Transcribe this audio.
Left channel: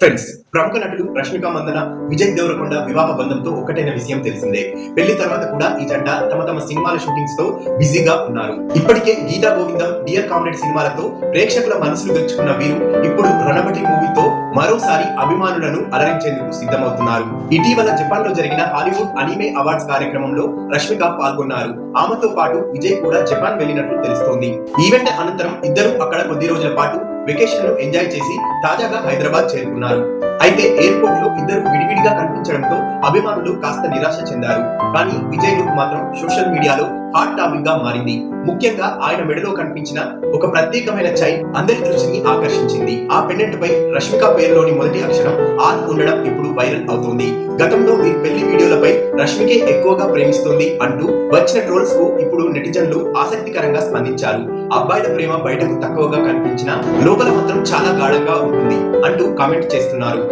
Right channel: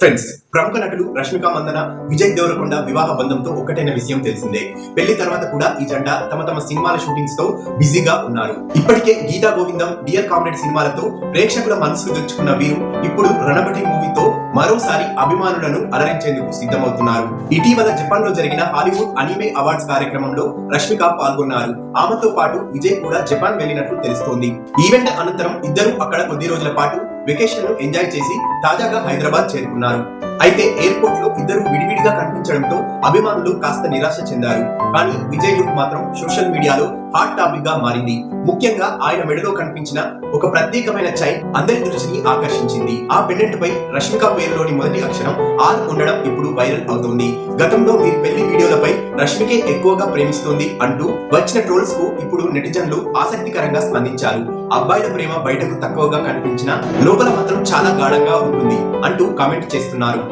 Friends, ప్రముఖ నటులు రష్మిక మందన, విజయ్ దేవరకొండ వివాహ బంధంతో ఒక్కటైన విషయం తెలిసిందే. పెళ్లి తర్వాత కూడా ఈ జంట తమ తమ సినిమాల షూటింగ్స్ తో బిజీగా ఉన్నారు. ఇప్పటికే గీతా గోవిందం, డియర్ కామ్రేడ్ సినిమాలతో ప్రేక్షకుల మనసులు గెలుచుకున్న వీరు ఇప్పుడు రణబటి మూవీతో మరోసారి అభిమానులను అలరించేందుకు సిద్ధమవుతున్నారు. ఇటీవల జపాన్ లో జరిగిన హాలీవుడ్ అనిమే అవార్డ్స్ కార్యక్రమంలో రష్మిక పాల్గొన్నారు. ఆమెతో పాటు విజయ్ కూడా జపాన్ వెళ్లినట్లు తెలుస్తోంది. ఈవెంట్ అనంతరం ఇద్దరు అక్కడ కొద్ది రోజుల పాటు వెకేషన్ ను ఎంజాయ్ చేసి తాజాగా హైదరాబాద్ చేరుకున్నారు. అయితే ఎయిర్పోర్ట్ లో ఇద్దరు విడివిడిగా కనిపించడంతో అభిమానులు కాస్త నిరాశ చెందారు. కానీ విజయ్ లుక్ మాత్రం సోషల్ మీడియాలో హాట్ టాపిక్ గా మారింది. ముఖ్యంగా ఆయన మెడలో కనిపించిన ఒక ప్రత్యేకమైన చైన్ అందరి దృష్టిని ఆకర్షించింది. ఆ పెండెంట్ పై రష్మిక పేరులోని మొదటి అక్షరం ఆర్ ఉండడం ఇప్పుడు వైరల్ అవుతోంది. గతంలో వీరి పెళ్లి వీడియోలపై రష్మికే ఎక్కువగా ప్రేమిస్తోంది అంటూ వచ్చిన ట్రోల్స్ కు ఇప్పుడు నెటిజన్లు ఆసక్తికరంగా స్పందించారు. అబ్బాయిల ప్రేమ బయటకు తక్కువగా కనిపించినా లోపల మాత్రం చాలా గాఢంగా ఉంటుంది అంటూ కామెంట్ చేస్తున్నారు.